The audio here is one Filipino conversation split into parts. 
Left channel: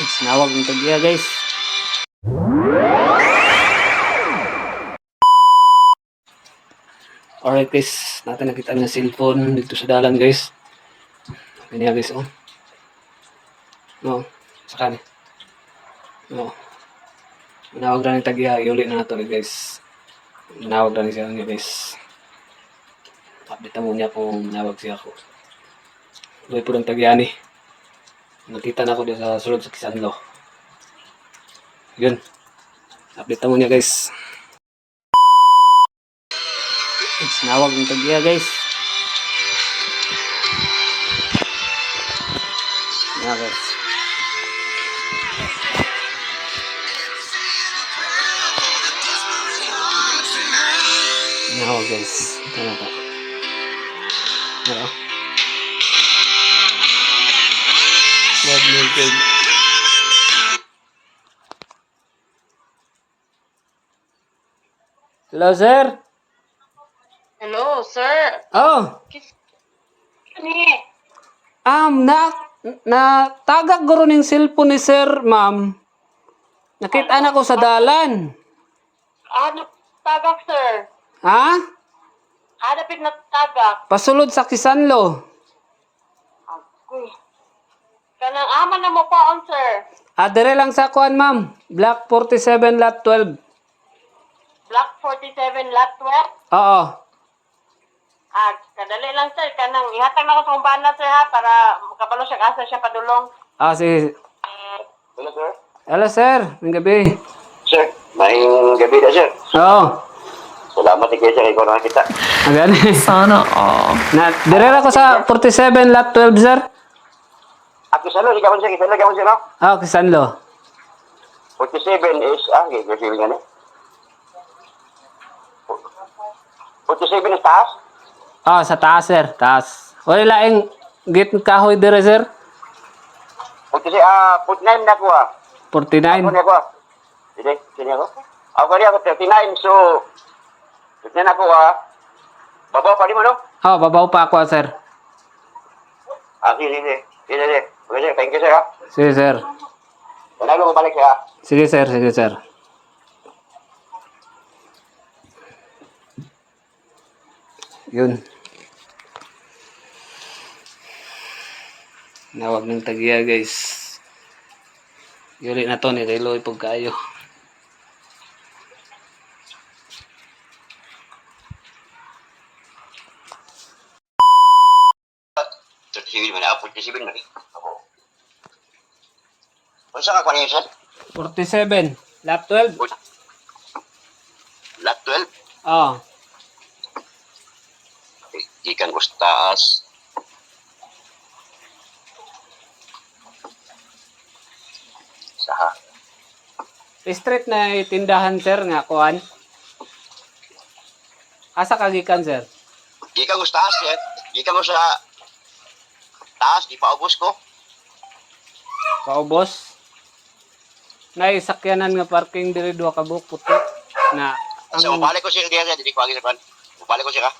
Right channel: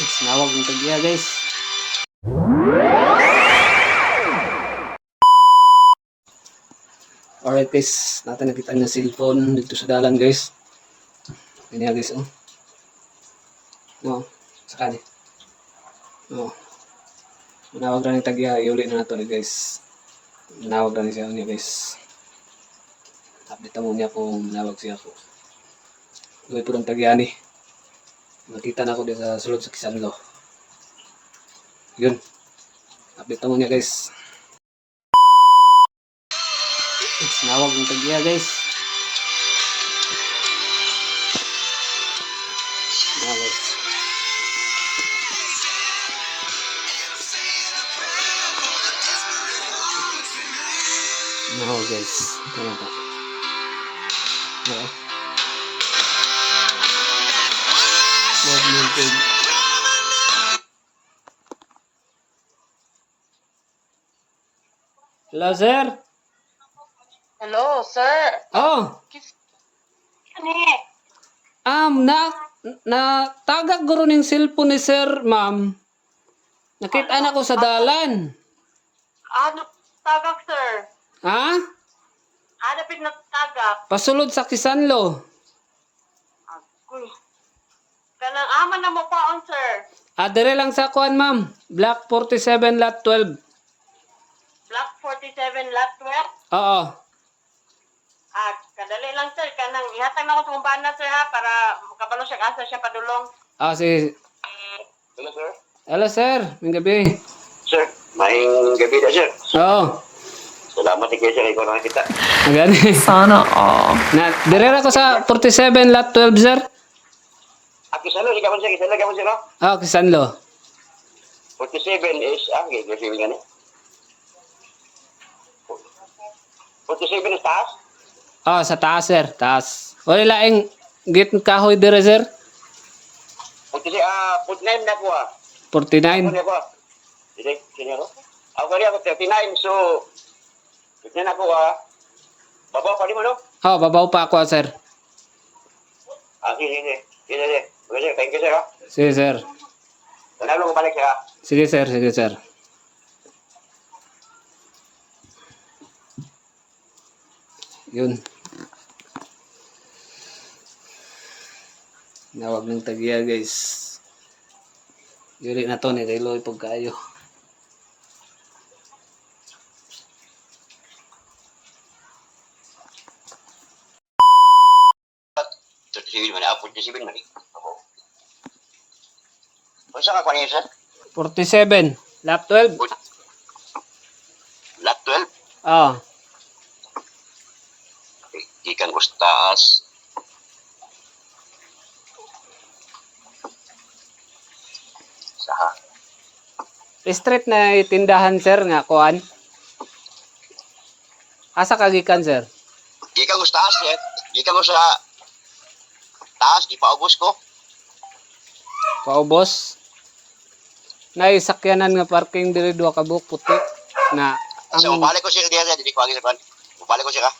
Nawag ng tagya guys. Alright guys, natin nakita ng cellphone dito sa dalan guys. Kanya guys oh. No, sa kanya. No. Manawag na ng tagya, iuli na nato guys. Manawag na siya niya guys. Update mo niya kung manawag siya ako. Luwi po ng tagya ni. Nakita na ako dito sa sulod sa Kisanlo. Yun. Update mo niya guys. Nawag ng tagya guys. Yan guys. Nawag guys. Tama po. Hello. Love you guys. Hello sir. Hello, sir. Oh. Kani? Na tagak guro ning cellphone ni sir, ma'am. Nakita na ko sa dalan. Ano tagak, sir? Ha? Ano pinagtagak? Pasulod sa Kisanlo. Agoy. Kanang aman na mo paon, sir. Dire lang sa kuan, ma'am. Block 47 lot 12. Block 47, lot 12. Oo. Kadali lang, sir. Kanang ihatag na ko sa umbana, sir, ha, para makabalo siya asa siya padulong. Si Hello, sir. Hello sir, ng gabi. Sir, maing gabi na, sir. Oo. Salamat ni kayo, sir. Ikaw nakakita. Ayan. Sana all. Dire ako sa 47 lot 12, sir. Kisalo, ikaw sir. Kisalo, ikaw sir, no? Kisanlo. 47 is, kasi nga ni. 47 is taas? Sa taas, sir. Taas. Wala laing gate kahoy dire, sir. 49 na ko, 49. Ako na ko, Sini ako? Ako rin ako, 39. So, 39 na ko, babaw pa di mo, no? Babaw pa ako, sir. Sige. Okay, sir. Thank you, sir, ha? Sige, sir. Tanalo ko balik, sir, ha? Sige, sir. Sige, sir. Yun. Nawag ng tagya, guys. Yuri na to ni Reloy pag kayo. Sige, man. 47 man, eh. Ako. Kung saan ka niyo, sir? 47. Lap 12. Lot 12? Ah. Ikan ustas. Saha. Street na tindahan, sir, nga kuan. Asa kagikan, sir? Ikan ustas, sir. Ikan mo sa taas, di pa ubos ko. Kaubos. Nay sakyanan nga parking diri duha ka buok puti na So, mabalik ko siya diya, sir. Hindi ko agi sa kwan. Mabalik ko siya, ka.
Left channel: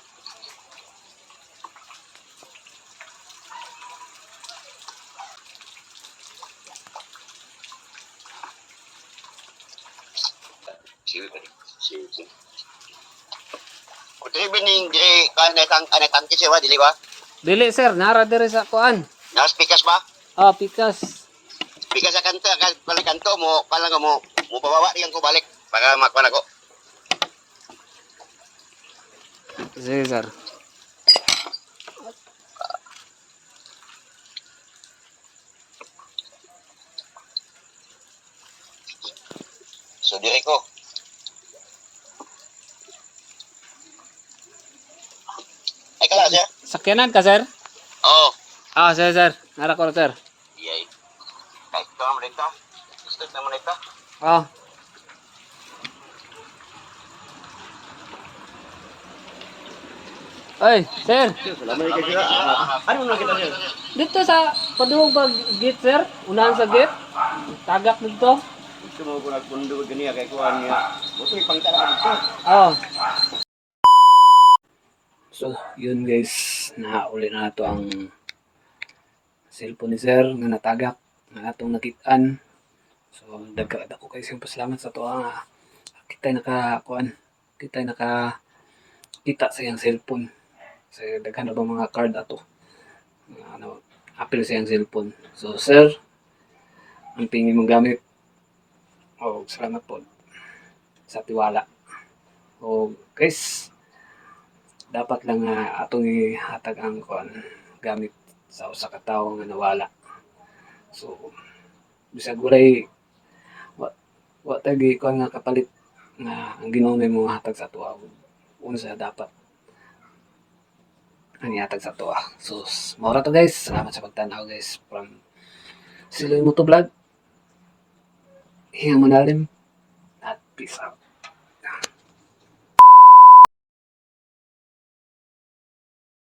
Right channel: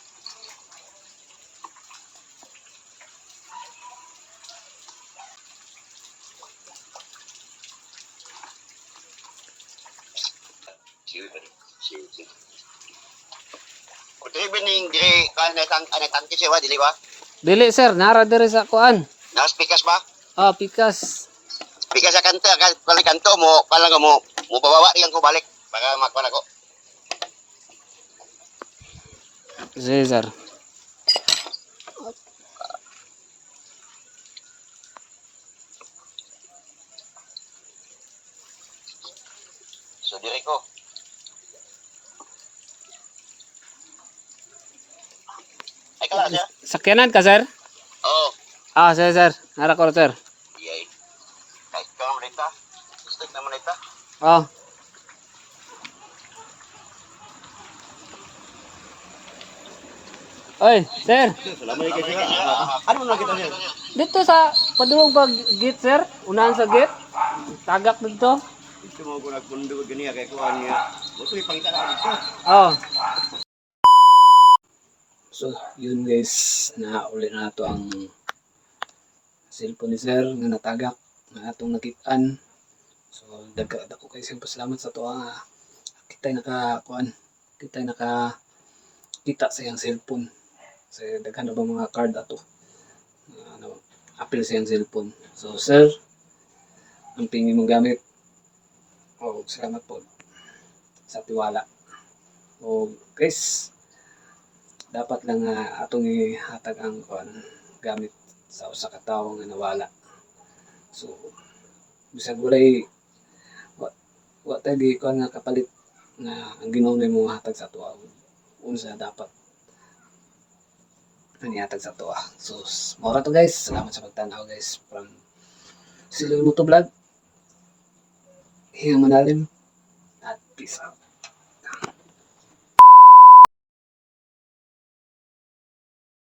Sige. Kung bening diri kanay siya, dili ba? dili, sir, nara diri sa kuan. Nas pikas ba? Pikas. Pikas sa kanto, kanay kanto mo, pala mo bababa riyan ko balik para makuha ko. Sige, sir. So, diri ko. Ay, kala, sir? Sakyanan ka, sir? Oo. Sige, sir. Nara ko, sir. Yay. Ay, ito naman ito. Gusto naman ito. Oy, sir. Salamat kayo. Ano na kita, sir? Dito sa paduwag ba gate, sir? Unahan sa gate. Tagak dito. Gusto mo ko nagpundo ganiya kay kuhan niya. Buto ipangita ka dito. So, yun guys. Nahauli na nato ang cellphone ni sir nga natagak na atong nakitaan. So dako kayo siyang pasalamat sa to nga kita'y nakakuan, kita'y nakakita sa iyang cellphone. Sa daghan na ba mga card ato. Ano, apil sa iyang cellphone. So sir, ang pingin mong gamit. Oh, salamat po sa tiwala. Oh, guys, dapat lang atong ihatag ang kuan gamit sa usa ka tawo nga nawala. So bisag walay wa tay kuan nga kapalit nga ang Ginoo na mo hatag sa tuwa. Unsa dapat ang ihatag sa tuwa. So mao ra to guys. Salamat sa pagtanaw guys from Siloy Moto Vlog. Hiya mo nalim at peace out.